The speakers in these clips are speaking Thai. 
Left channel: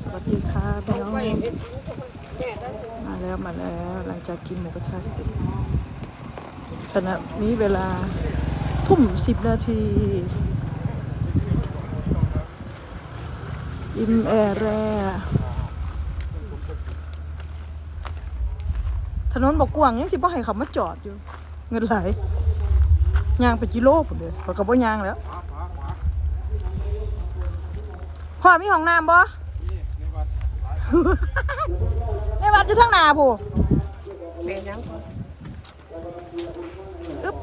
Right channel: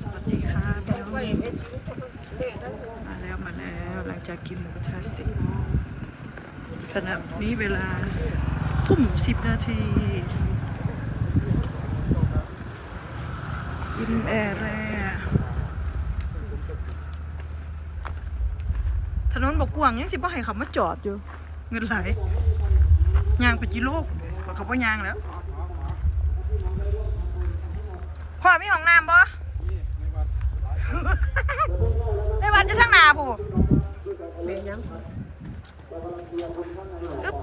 สวัสดีค่ะพี่น้องมาแล้วมาแล้วหลังจากกินหมูกระทะเสร็จขณะนี้เวลาทุ่มสิบนาทีอิมแอร์แล้วถนนบอกกว้างยังสิบ่ให้เขามาจอดอยู่ เงินไหลยางไปกิโลผมเลยเขาก็บ่ยางแล้วพ่อมีห้องน้ำบ่ ในวันจะทั้งหนาผู้เป็นยังอึ๊บ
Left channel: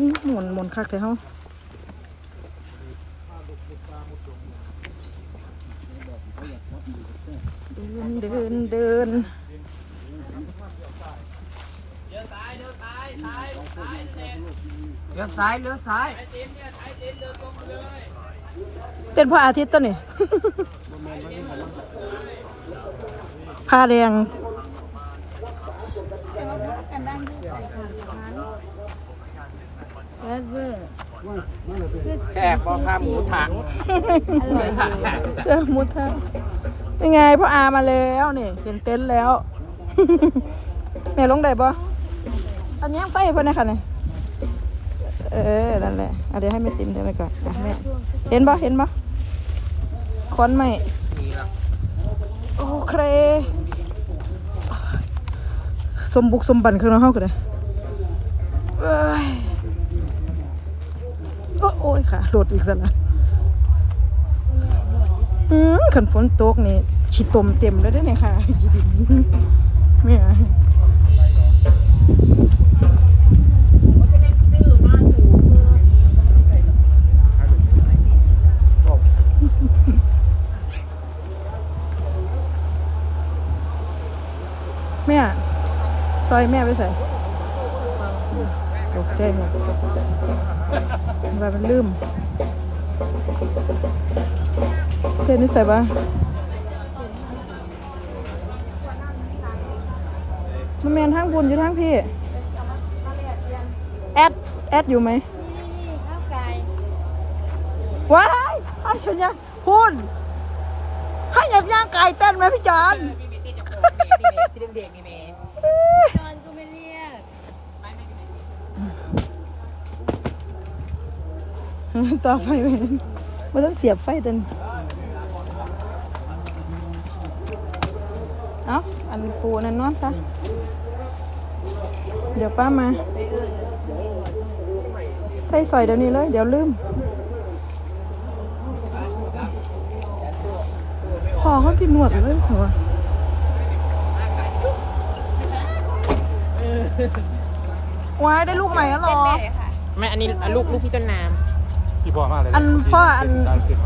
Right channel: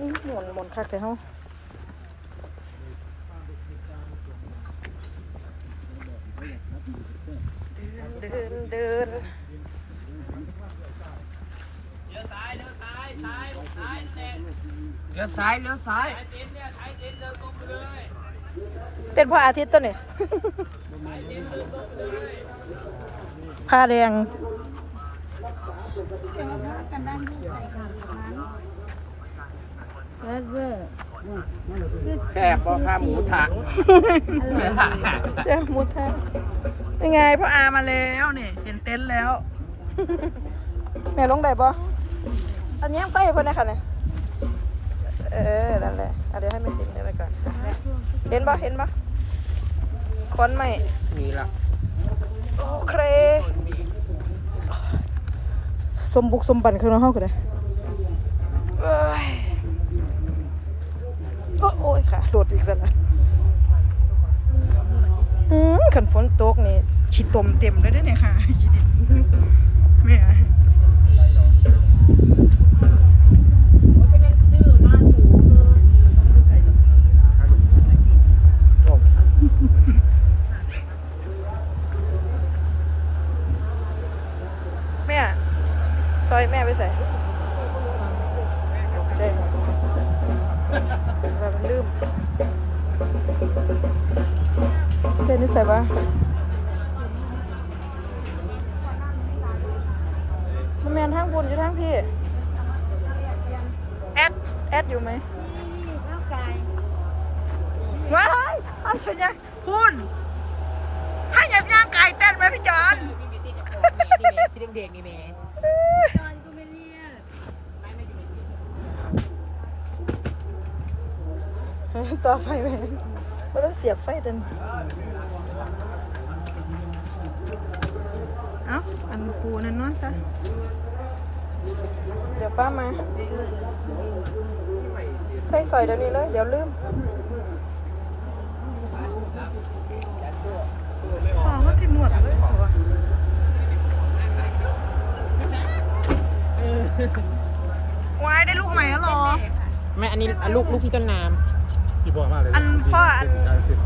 นี่หมุนหมุนคักแต่เฮาเดินเดินเดิน เลี้ยวซ้ายเลี้ยวซ้ายเต้นพระอาทิตย์ต้นนี่ผ้าแดงแช่พอพาหมูถังเจ๊มุดแทนยังไงพ่ออามาแล้วนี่เห็นเต็นท์แล้ว แม่ลงได้ปะ อันนี้ไปเพื่อนนะคะเนี่ยเออ นั่นแหละเอาเดี๋ยวให้แม่ติมเดี๋ยวไปก่อนอะแม่เห็นปะเห็นปะค้อนไหมนี่หรอโอเค สมบุกสมบันคือเราเข้ากันเลยเอ้ยโอ๊ยโอ้ยค่ะโหลดอีกสักนะอืมขันฝนตกนี่ฉีตมเต็มเลยได้อเนี่ยค่ะฉีดินแม่ ใส่ปะแมนทั้งบุญอยู่ทั้งพี่ แอด แอดอยู่ไหมว้ายอ้าวฉันยังคุณให้หยับย่างไก่เต้นไหมพี่จอนมีมีตีจะโค้งนี่นี่เมสีแดงๆนี่เมจอนก็ไม่เรียกต่อไฟไปมันต้องเสียบไฟตัน เอ้าอันปูนั่นนอนซะเดี๋ยวป้ามา ใส่ซอยเดี๋ยวนี้เลย เดี๋ยวลืมพอเขาติดหนวดเลยสิวะวายได้ลูกใหม่แล้วเหรอแม่ อันนี้ลูกลูกพี่ต้นน้ที่พ่อมาเลยอันพ่ออัน ได้สิพ่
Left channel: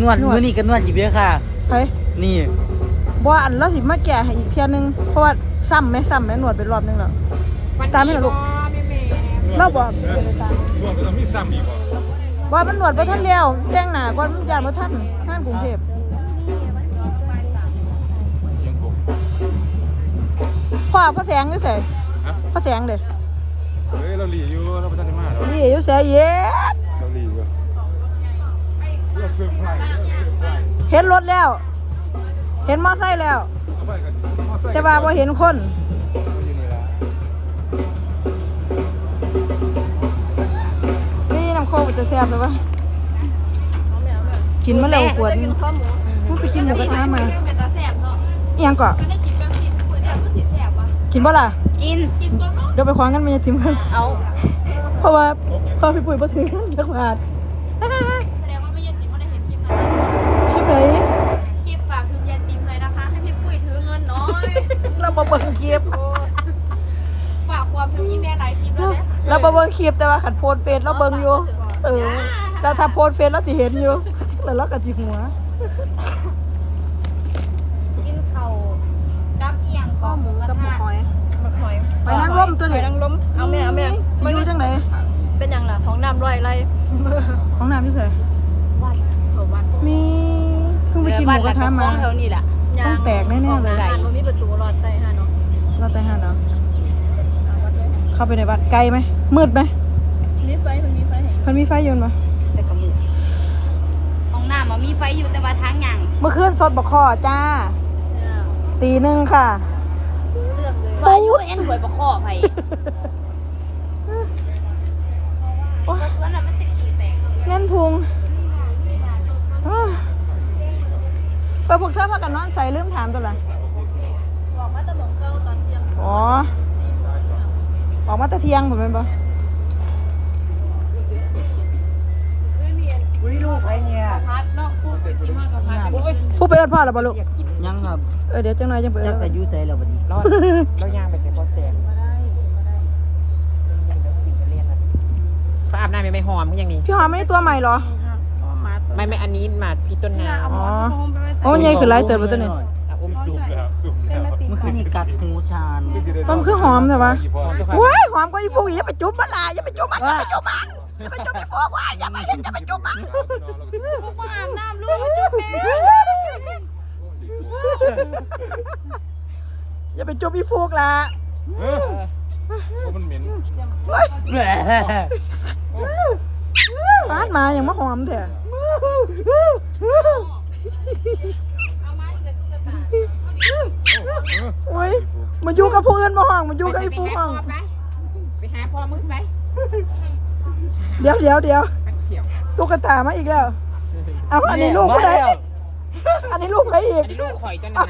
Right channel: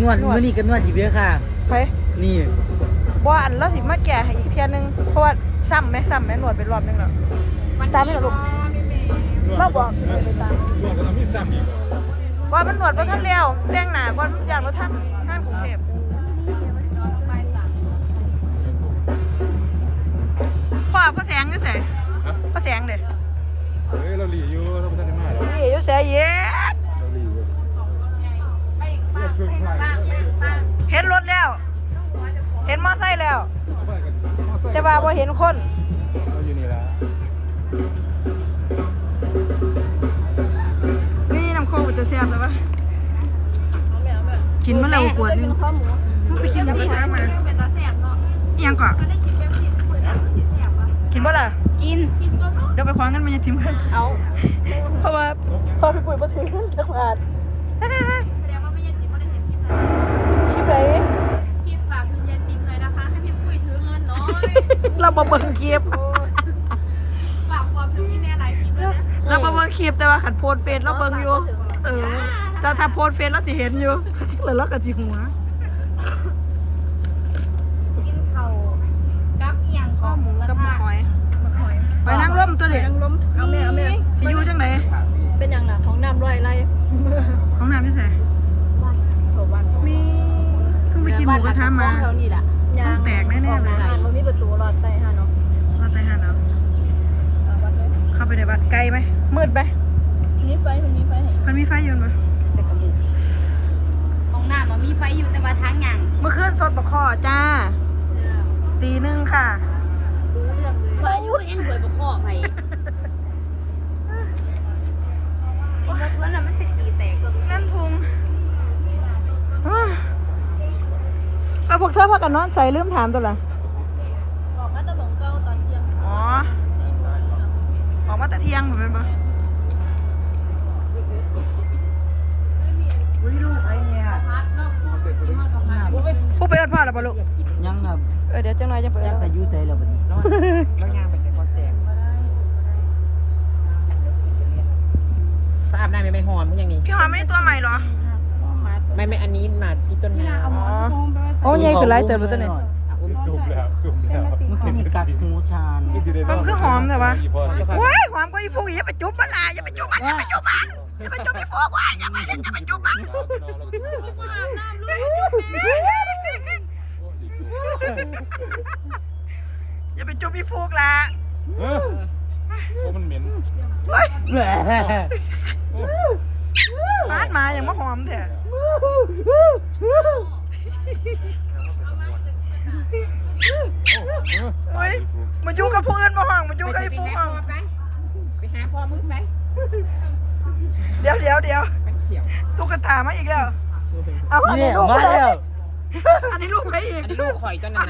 นวดมื้อนี้ก็นวดอยู่เบี้ยค่ะไปนี่ว่าอันเราสิมาแก่ให้อีกเทียนึงเพราะว่าซ้ำไหมซ้ำไหมหนวดเป็นรอบนึงหรอำตามไม่หรอกนวดก็ต้องนวดก็ต้องมีซ้ำอีกบ่ว่ามันหนวดไปท่านเลี้ยวแจ้งหนาว่าทุกอย่างว่าท่านงานกรุงเทพยังผมพ่อพ่อแสงนี่ใส่ฮะพ่อแสงเด้เฮ้ยเราหลีอยู่เราไม่ทันได้มาเรานี่อยู่แสเย็ ซอร์ไพรส์เราเซอร์ไพรส์เห็นรถแล้ว เห็นมอไซค์แล้วเอาไปกันมอไซค์จะว่าพอเห็นคนอยู่นี่แหละนี่น้ำโคกจะแซ่บไหมวะกินมาแล้วขวดนึงมันไปกินหมูกระทะมาเป็นตาแสบเนาะอิหยังก่อนก็ได้กินแบบนี้เหมือนแบบสีแสบวะกินบ่ล่ะ กินกินตัวก็เดี๋ยวไปคว้างกันมันจะทิมกัน เอา เพราะว่าพอพี่ปุ๋ยมาถึงจังหวัดแส เราบ่เบิ่งคลิปฝากความถึงพี่แม่หลายคลิปแล้วเนี่ยเราบ่เบิ่งคลิปแต่ว่าขันโพสต์เฟซเราเบิ่งอยู่ เออแต่ถ้าโพสต์เฟซเราสิเห็นอยู่ แล้วเราก็สิหัวกินเข่ากับเอียงก็หมูกระกับหมูทะหอยบักหอยหอยนางรมตัวนี้หอยนางรมเอาแม่เอาแม่สิอยู่ร้อยไรห้องน้ำที่ใส่เขาวัดมีเพิ่งไปกินหมูกระทะมาแถวนี้แหละ ต้องแตกแน่ๆออกเลยร้านมันมีประตูรอดใต้ฮะเนาะเราแต่ห้าเนาะเข้าไปในบ้านไกลไหมมืดไหมนี่ไฟมันมีไฟเห็นมันมีไฟอยืนปะแต่กระมือห้องน้ำมันมีไฟอยู่แต่ว่าทางยังเมื่อคืนสดบกคอจ้า ตีหนึ่งค่ะรู้เรื่องเลยว่าอยู่เอ็นหวยประคอไผ กเธอพากันนอนใส่ลืมถามตัวละบอกว่าตะบงเก้าตอนเที่ยงอ๋อออกมาแต่เที่ยงผมเป็นปะอุ้ยลูกไอ้เนี่ยพัดเนาะพูดที่ห้างกับพัดผู้ไปเอิดพ่อหรือเปล่าลูกยังครับเออเดี๋ยวจังหน่อยจังไปเอิ้จักนกะยุใส่แล้วบัดนี้เราเราย่างไปใส่กระแสถ้าอาบน้ำไม่ไม่หอมมึงอย่างนี้พี่หอมไม่ได้ตัวใหม่เหรอ ไม่ไม่อันนี้หมาพี่ต้นน้ำอ๋อโอ้ยใหญ่ขึ้นไรเติบแล้วตัวนี้อะอุ้มสูบแล้วสุ่มแล้วเมื่อคืนนี่กัดหูชาญมันคือหอมใช่ปะว้ายหอมกว่าอีฟูอย่าไปจุ๊บมันล่ะอย่าไปจุ๊บมันอย่าไปจุ๊บมันอย่าไปจุ๊บอีฟูว้ายอย่าไปอย่าไปจุ๊บมันอย่าไปจุ๊บอีฟูกล่ะเออโอ้มันเหม็นเฮ้ยแหมร้านมาอย่างมาหอมแท้ โอ้ยมาอยู่กับผู้อื่นมาห้องมาอยู่กับไปอีฟูหาห้องพ่อไปไปหาพ่อมึงไป เดี๋ยวเดี๋ยวเดี๋ยวมันเขียวตุ๊กตามาอีกแล้วเอาอันเนี่นี้ยลูกมาใครแล้วอันนี้ลูกใครอีอักนนี้ลูกข่อยต้นน่ะ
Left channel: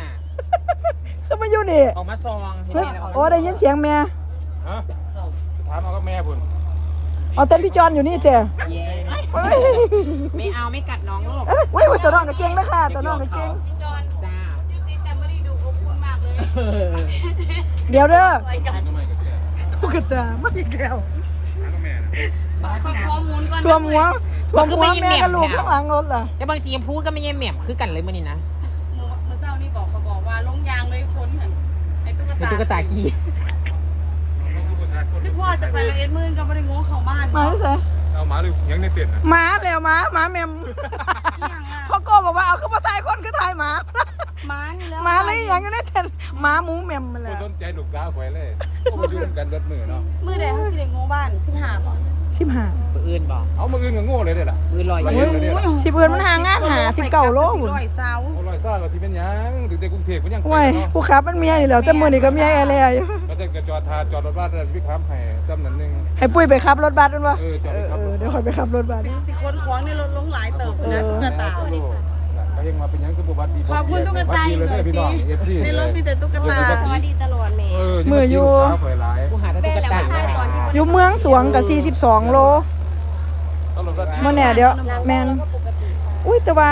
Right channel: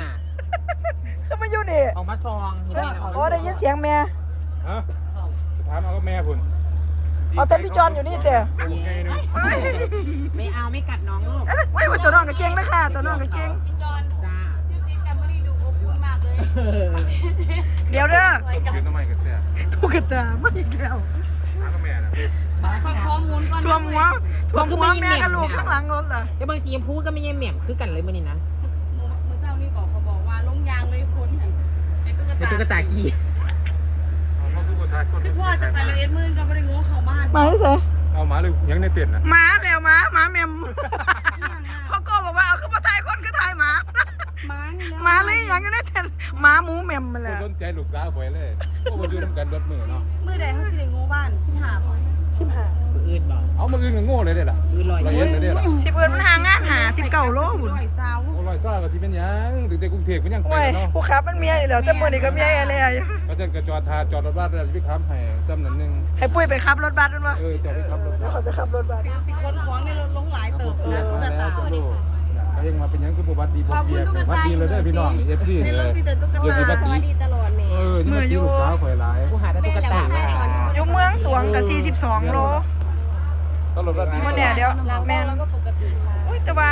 ก็มาอยู่นี่ออกมาซองเห็นไหมแล้วออกมาโอ้ได้ยินเสียงแม่ฮะถามเอาก็แม่พุ่น เอาแต่พี่จอนอยู่นี่แต่เย้เฮ้ยไม่เอาไม่กัดน้องลูกเอ้ยเว้ยเว้ยตัวน้องกับเก่งนะค่ะตัวน้องกับเก่งจ้าเดี๋ยวเด้อกินน้ำมันกับแซ่บตุ๊กตามาอีกแล้วถามก็แม่นะข้อมูลก่อนท่วมหัวท่วมหัวแม่กับลูกข้างหลังรถล่ะแต่บางสีชมพูก็ไม่เยี่ยมเหมี่ยมคือกันเลยมันนี่นะเมื่อเช้านี่บอกเขาบอกว่าลงยางเลยคนหันไอ้ตุ๊กเป็นตาตุ๊กตาขี้ พ่อจะไปละเอ็ดมื่นก็ไม่ได้งงเข้าบ้านมาเถอะเอาหมาเลยยังในเต็นท์นะหมาแล้วหมาหมาแมมพ่อโก้บอกว่าเอาขึ้นมาถ่ายคนคือถ่ายหมาม้านี่แล้วหมาเลยอย่างอยู่ในเต็นท์หมาหมูแมมมาไม่แล้วสนใจลูกสาวข่อยเลยโอ้มันอยู่ร่วมกันรถมือเนาะมือใดเขาสิได้งงบ้านสิบห้าก่อน สิบห้าตัวอื่นบอกเอามาอื่นก็โง่เลยเด้ล่ะอื่นลอยละอเอียดยู่เลยเนี่ยล่ะสิบเอินมันหางานหาสิบเก่าโลหุ่นร้อยเสาเอาลอยซ่าก็สิเป็นหยังถึงแต่กรุงเทพก็ยังเป็นว้ายเนาะผู้ขับมันเมียนี่แหล้วแต่มือนี่ก็เมียอะไรอยู่ก็จะกระจอดทาจอดรถบ้านแล้ววิคามให้ซ้ำนั่นหนึงให้ปุ้ยไปขับรถบัสมันวะเออจอดไปขับรถเดี๋ยวคอยไปขับรถบัสสิสิคนของในรถลงหลายเติบเปเลยลี่ยนตุ๊กมาตาแล้วก็ยังมาเป็นหยังคือบ่วัดดีบ่ขอบคุเบีณยตุ๊กวัดตาดีเลยเด้อพี่น้อง FC ในเลรถยมีแต่ตุ๊กตา สวัสดีตลอดแม่เออนี่มาที่ลูกสาวข่อยหลายหาแต่ตุ๊กตา อยู่เมืองสวงกับ 42 โลก็รถบ้านมาเนี่ยเดี๋ยวแมนอุ้ยแต่ว่า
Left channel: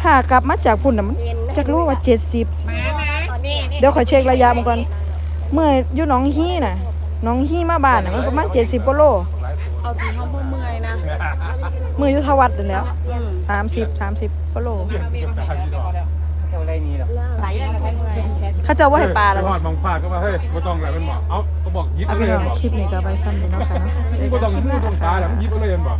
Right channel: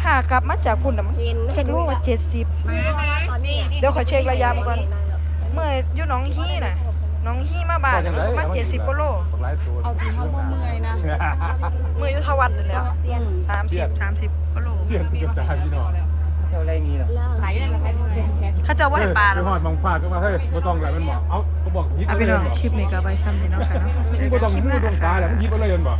ถ้ากลับมาจากพุ่นน่ะจะรู้ว่า 70มามานี่นี่เดี๋ยวขอเช็คระยะมันก่อน เมื่ออยู่หน้องฮี่น่ะหน้องฮี่มาบ้านน่ะมันประมาณ70กว่าโลหลายตัวเอาที่เขาบ่เมื่อยนะเมื่ออยู่ทวัดนั่นแหละอืม30 30กว่าโลเสียงตุ๊กตาพี่น้องเท่าไรนี่หรอไหนได้แล้วได้เขาเจะว่าให้ปลาไปแล้วหอดมองฟ้าก็ว่าเฮ้ยบ่ต้องแล้วมันบอกเอ้าเขา บอกยิบเอาเอาไปเลยลองมันบอกคลิปนี้ก็ไปซ้ำเดี๋ยวเนาะค่ะเนาะเจอบ่กันต้องคลิปหมือน้าตรงตาแล้วมันยิบเอาเลยมันบอก